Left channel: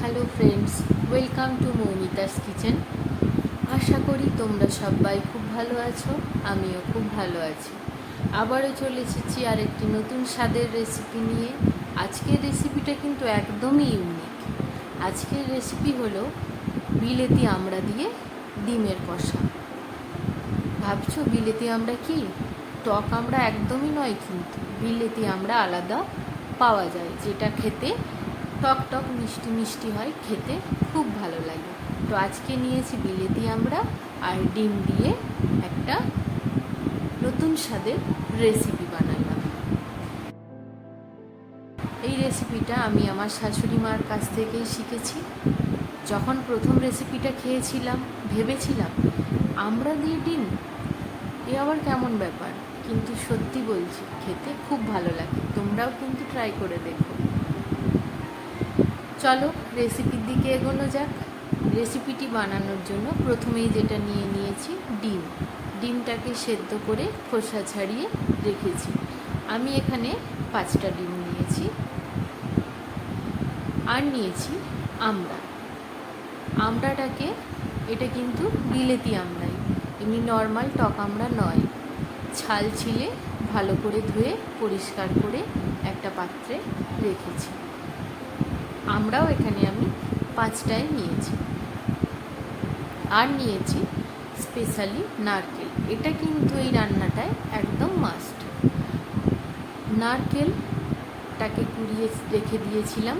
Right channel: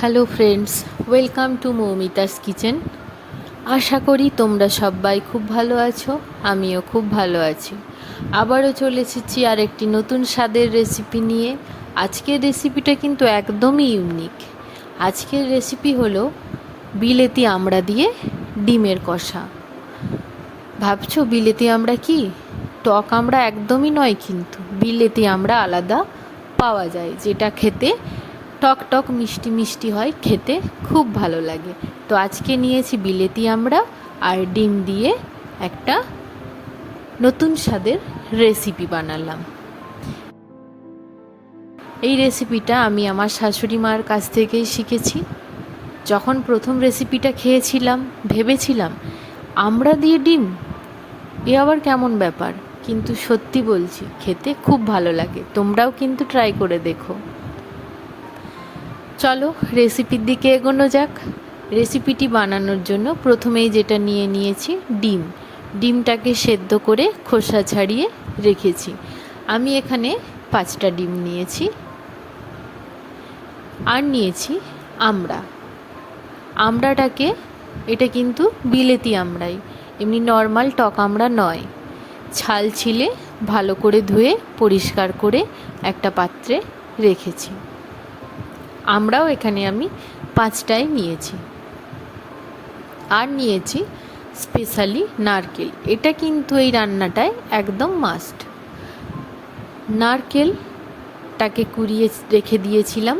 Hello friends, welcome to Moumita's kitchen. আশা করি তোমরা সবাই খুব ভালো আছো, আমিও খুব ভালো আছি। আবারও চলে এসেছি আর একটি নতুন স্বাদের রেসিপি নিয়ে। আজকের রেসিপিটা কিন্তু একদমই ইউনিক। আজকের রেসিপি হলো বিলেতি আমড়া দিয়ে ডিমের কষা। ভাবছো বিলেতি আমড়া কি? টক আমড়া একদমই নয়, কিন্তু বিলেতি আমড়া আলাদা পাওয়া যায়, যেটা খেতে টক টক মিষ্টি মিষ্টি হয়, খেতে খুব ভালো লাগে। তো আজকে নিয়েছি বিলেতি আমড়া আর ডিম দিয়ে একটা নতুন স্বাদের রেসিপি বানালাম। এই রেসিপিটা আমি আমার শাশুড়ি মার কাছ থেকেই শিখেছি। যখন প্রথম রেসিপিটা খেয়েছিলাম ভেবেছিলাম আমড়া দিয়ে ডিম, এ আবার কেমন ব্যাপার, কিন্তু সত্যি বলছি খেতে খুব ভালো লাগে। তোমরাও কিন্তু ট্রাই করে দেখো। চলো রেসিপির দিকে এগোনো যাক। রেসিপিটি বানানোর জন্য প্রথমেই যেটা নিয়ে নিয়েছি ডিম। ডিমটাকে সেদ্ধ করে খোসা ছাড়িয়ে রেখেছি। আমি এখানে 5টা ডিম নিয়েছি। আর নিয়েছি আমড়া। আমড়াটাকে, এটা কিন্তু বিলেতি আমড়াই, এমনি নর্মাল টক আমড়া নয়। ছাল ছিলে ভালো করে ধুয়ে পরিষ্কার করে একটা পাত্রে রেখেছি। আমরাও এখানে আমি 5টাই নিয়েছি। আর নিয়েছি স্পেশালি নারকেল। এটা কিন্তু এই রান্নাটায় একদম মাস্ট। নারকেলটাকে কুড়িয়ে রেখে দিয়েছিলাম।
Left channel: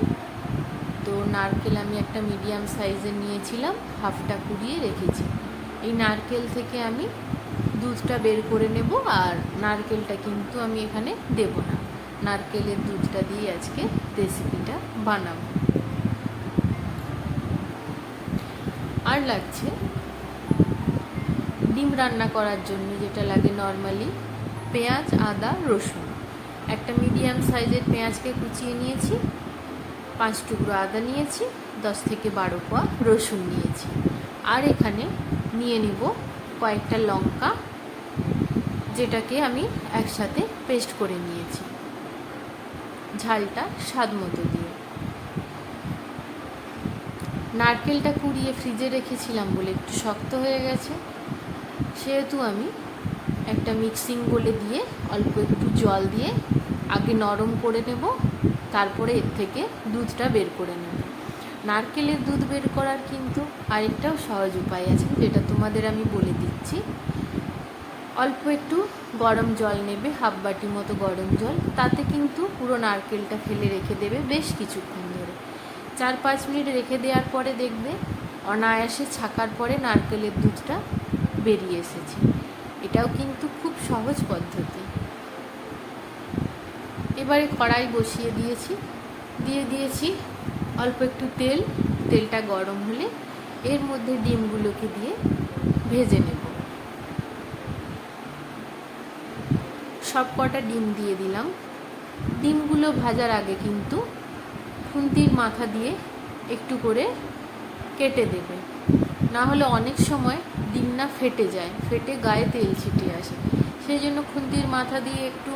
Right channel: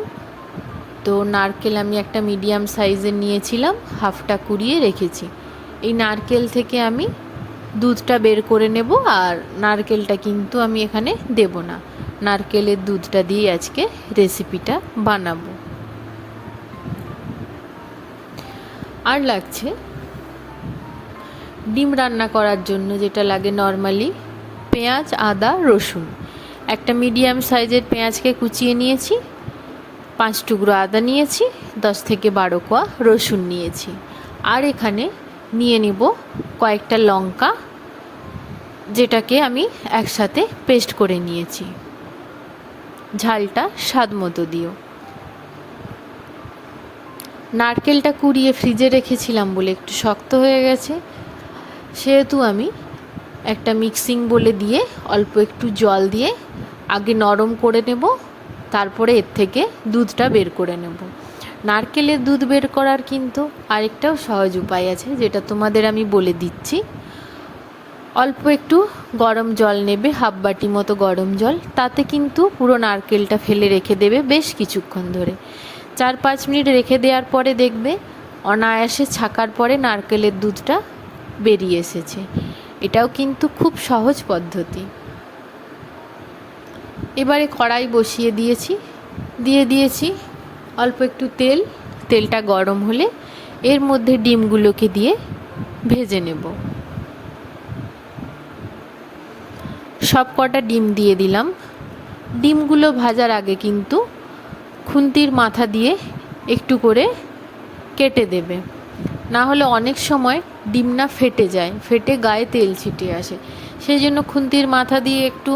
তো নারকেল আমি একটা মিডিয়াম সাইজের নিয়েছিলাম, হাফটা কুড়িয়ে রেখেছি। এই নারকেল থেকে আমি দুধটা বের করে নেব, আর নারকেলটা কিন্তু আমি এখানে দেব না। নারকেলের দুধটা দিয়ে আজকে রেসিপিটা বানাবো। আর লাগছে ডিম রান্না করার জন্য যেটা লাগে নর্মালি, পেঁয়াজ, আদা, রসুন। একটা মিডিয়াম সাইজের পেঁয়াজকে কুচিয়ে নিয়েছি, 5 টুকরো আদা নিয়েছি, 10 থেকে 12 কোয়া রসুন নিয়েছি। আর এখানে নিয়ে নিব কয়েকটা লঙ্কা, যেটাকে আমি একসাথে পেস্ট করে নিয়েছি। ঝালটা স্বাদ মতো দিও। নারকেলটা কুড়িয়ে ফ্রিজে রেখেছিলাম বলে একটু শক্ত হয়ে গেছে, সেহেতু আমি একটা মিক্সিং বোলে দিয়ে অল্প একটু জল দিয়ে আগে নরম করে নেব, তারপরে এর থেকে দুধটা বের করে নেব। নারকেলের দুধ বের করার কিন্তু আরেকটাও সহজ উপায় আছে, যেটা তোমাদের আমি বলে দিচ্ছি। অল্প একটু গরম জল নেবে, হাফ বাটি মতো গরম জল, তাতে কিন্তু পুরো নারকেলটা ফেলে রেখে দেবে বেশ কিছুক্ষণ ধরে। 4-5 মিনিট রেখে দেওয়ার পরে দেখবে অনায়াসে ছাকার পরে নারকেলের দুধটা বেরিয়ে এসেছে। এটাও কিন্তু খুব সহজ পদ্ধতি। এবারে কড়াই বসিয়ে দিয়েছি অল্প একটু তেল। তেলটা গরম হলে এর মধ্যে ডিমগুলোকে দিয়ে ভেজে নেব। সব কটা ডিম দিয়ে দিলাম। ডিমগুলো ভাজার আগে কিন্তু খুন্তির মাথা দিয়ে একটু করে কেটে দেবে, না হলে অনেক সময় ডিম না ফেটে যায়, ফেটে গায়ে তেল ছিটে আসে। সেই জন্য খুন্তির মাথা দিয়ে একটু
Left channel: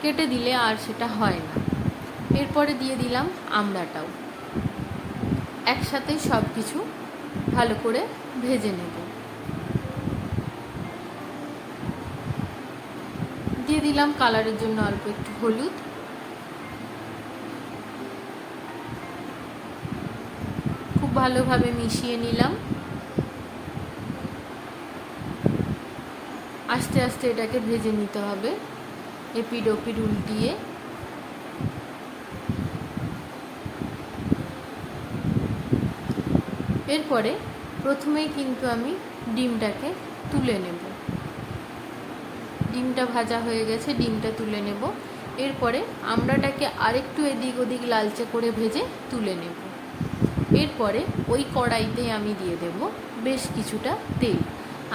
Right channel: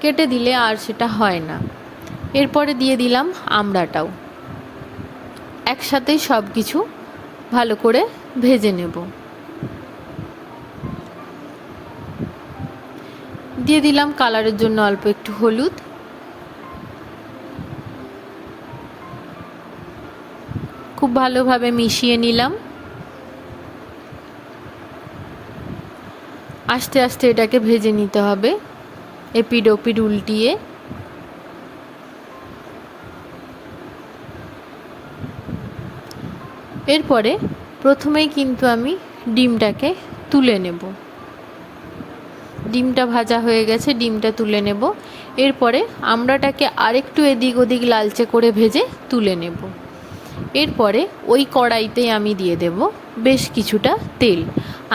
কেটে দিলে আর সেটা হয় না। এরপরে দিয়ে দিলাম আমড়াটাও। একসাথেই সব কিছু ভালো করে ভেজে নেব। দিয়ে দিলাম কালারের জন্য অল্প একটু হলুদ। খুব ভালোভাবে মিশিয়ে নিলাম। আস্তে আস্তে এটাকে ভেজে নিতে হবে, এপিড ওপিড উল্টিয়ে। এরপরে প্রথমেই কিন্তু আমি ডিমটাকে তুলে নেব। ডিমটা ভাজা হয়ে গেছে, ডিমটা তুলে নেব। এরপরে আমড়াটাকে আরেকটু এদিক ওদিক লালচে করে ভেজে তুলে নেব। এরপরে ওই কড়াইতেই আমি দিয়ে দেব বেশ কিছুটা তেল।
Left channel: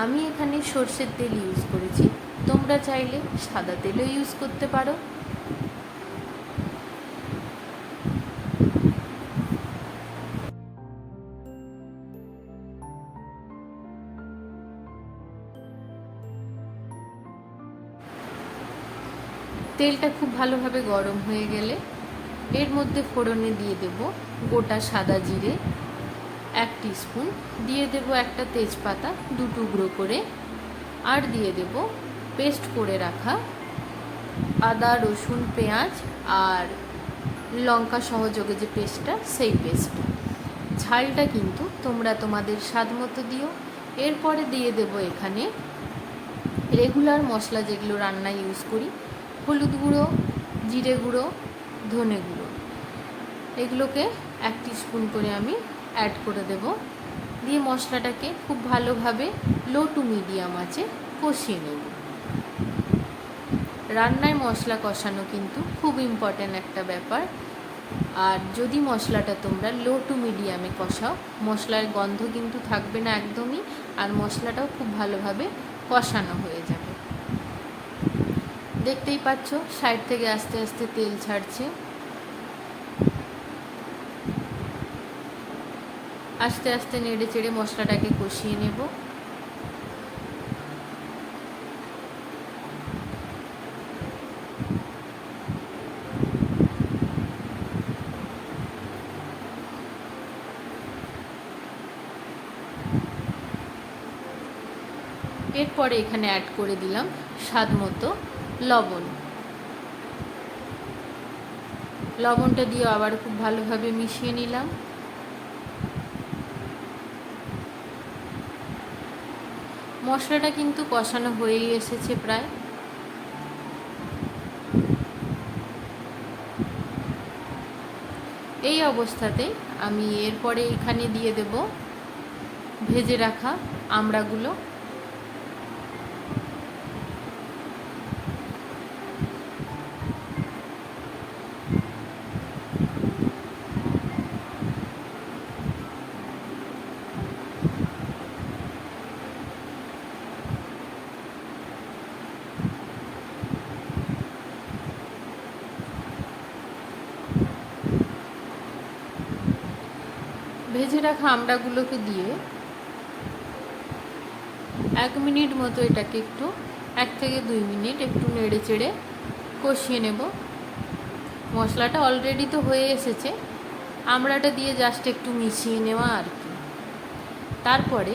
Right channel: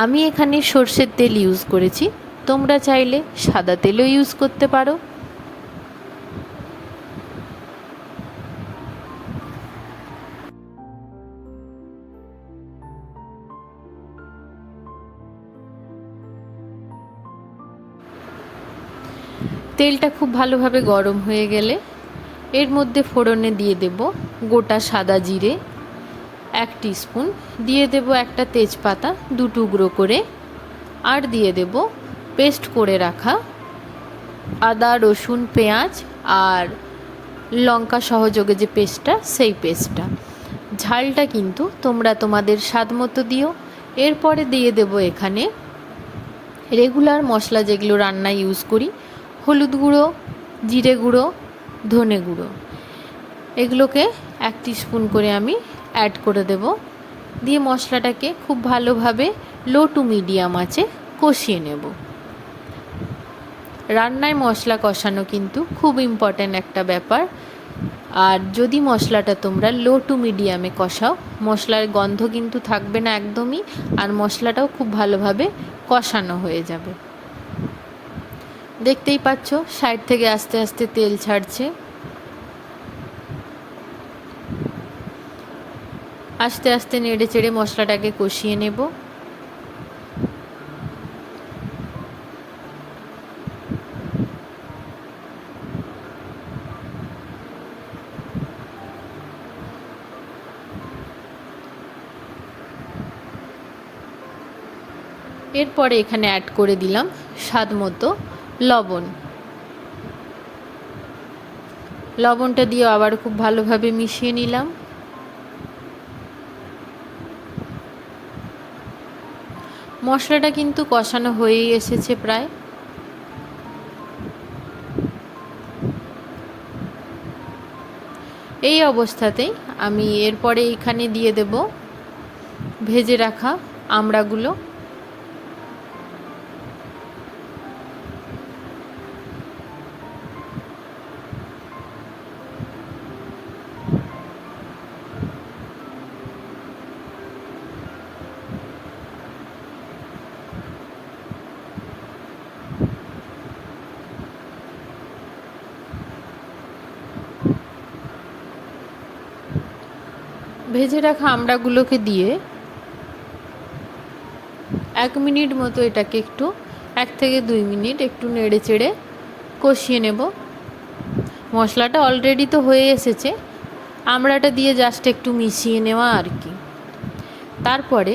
আমি এখানে সর্ষের তেল ইউজ করেছি, তোমরা চাইলে সাদা তেলও ইউজ করতে পারো। তেলটা খুব ভালোভাবে গরম হয়ে গেলে এর মধ্যে ফোড়নে দিয়ে দেব গোটা সাদা জিরে 1 টিস্পুন, দিয়ে দেব একটা তেজপাতা 2 টুকরো করে, আর দিয়ে দেব পেস্ট করে রাখা আদা রসুন পেঁয়াজ আর লঙ্কা সহযোগে যে পেস্টটা, সেই পেস্টটা। ঝালটা কিন্তু তোমরা তোমাদের স্বাদ মতো দিও। এরপরে দিয়ে দেব এখানে রেগুলার মশলা যেগুলো রান্নায় ইউজ করি, হলুদ গুঁড়ো, জিরে গুঁড়ো, ধনে গুঁড়ো, এগুলোকে 1 টিস্পুন করে আমি অ্যাড করে দেব। দিয়ে মশলাটাকে খুব ভালোভাবে লো টু মিডিয়াম আঁচে কষিয়ে নেব। রান্নায় মশলা কষানো কিন্তু খুব ইম্পর্ট্যান্ট একটা ব্যাপার। আর যদি মশলাটা তোমরা লো টু মিডিয়ামে কষাও, মশলার গন্ধ কিন্তু থাকবে না একদমই, আর মশলাটাও খুব ভালোভাবে কষানো হয়ে যাবে। দেখতেই পাচ্ছ সাইড থেকে আস্তে আস্তে তেল ছাড়ছে। আস্তে আস্তে নেড়ে চেড়ে মশলাটাকে কষিয়ে নেব। এরপরে এখানে অ্যাড করে দিলাম স্বাদ মতো লবণ। লবণটা দিয়ে আবার খুব ভালোভাবে মিশিয়ে নিলাম। মশলাটা কিন্তু কষানো হয়েই এসেছে প্রায়। এই অবস্থাতেই আমি এরপরে এখানে দিয়ে দেব ভেজে রাখা আমড়াগুলো। ভেজে রাখা আমড়াগুলোকে দিয়ে 1 মিনিট মতো এটাকে একটু 1 থেকে 2 মিনিট একটু নেড়ে চেড়ে কষিয়ে নেব। মশলাটা অলরেডি তো হয়ে এসেছে, আমড়াটা দিয়ে জাস্ট একটু মিশিয়ে নেওয়া আর কি। তারপরে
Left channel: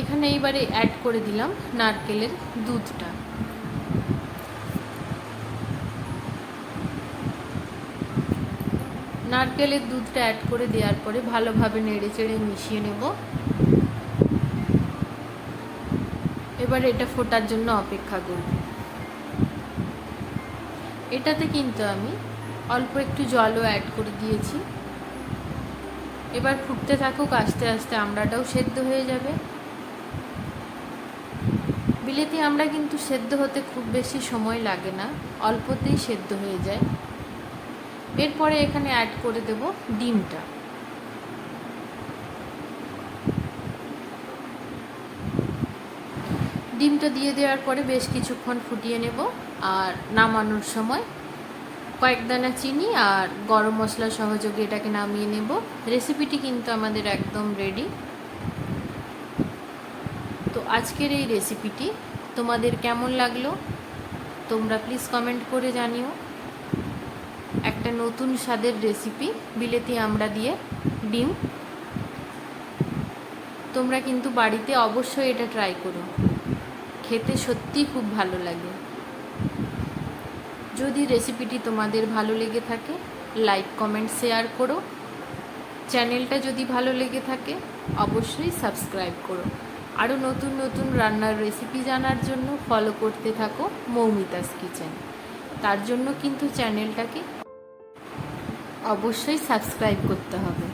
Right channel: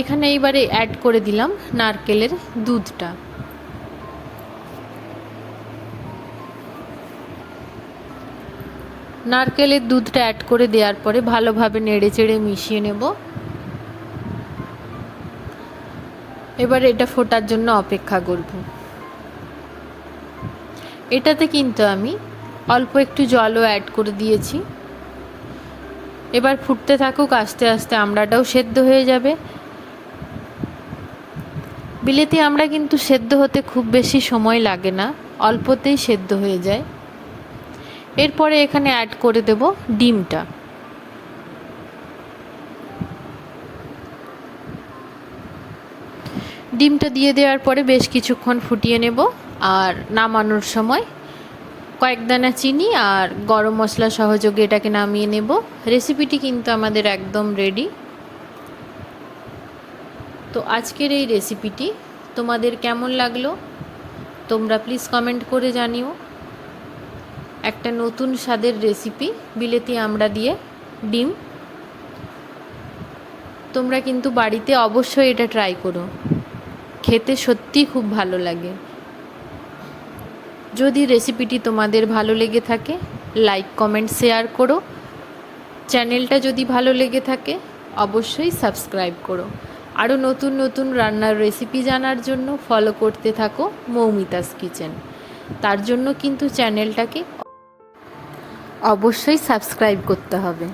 এখানে এইবারে অ্যাড করে দিলাম নারকেলের দুধটা। নারকেলের দুধটা অ্যাড করে দেওয়ার পরে ভালোভাবে নেড়ে চেড়ে মিশিয়ে নেব। এবার এটা ফোটার জন্য অপেক্ষা করব। এটাতে কিন্তু আমি অল্প একটু জলও অ্যাড করে দিয়েছি। এবার ফুটতে থাকুক, আস্তে আস্তে আমড়াটাও সেদ্ধ হয়ে যাবে। বিলেতি আমড়া কিন্তু সেদ্ধ হতে খুব বেশি সময় লাগে না, অল্পতেই সেদ্ধ হয়ে যায়। এরপরে এখানে অ্যাড করে দেব ডিমটা। ডিমটা দিয়ে দেওয়ার পরে বেশ কিছুক্ষণ ফুটিয়ে নেব। আর নামানোর সময় কয়েক দানা চিনি আর গরম মশলা সহযোগে এটাকে নামিয়ে নেব। রেসিপিটি কিন্তু আমাদের একদম রেডি। তো আজকের এই রেসিপিটি তোমাদের কেমন লাগলো তোমরা প্লিজ কমেন্ট করে জানিও। একটা নতুন স্বাদের রেসিপি বিলেতি আমড়া দিয়ে ডিম। তোমরা কিন্তু বাড়িতে অবশ্যই এটা ট্রাই করো, খেতে সত্যিই খুব ভালো লাগে। যদি রেসিপিটি তোমাদের ভালো লেগে থাকে লাইক কমেন্ট শেয়ার করো। চ্যানেলটা যদি ভালো লেগে থাকে অবশ্যই সাবস্ক্রাইব করো। আরও নতুন নতুন রান্নার রেসিপি জানার জন্য ফলো করতে থাকো মৌমিতাস কিচেন। তার জন্য কিন্তু চ্যানেলটাকে অবশ্যই সাবস্ক্রাইব করতে হবে।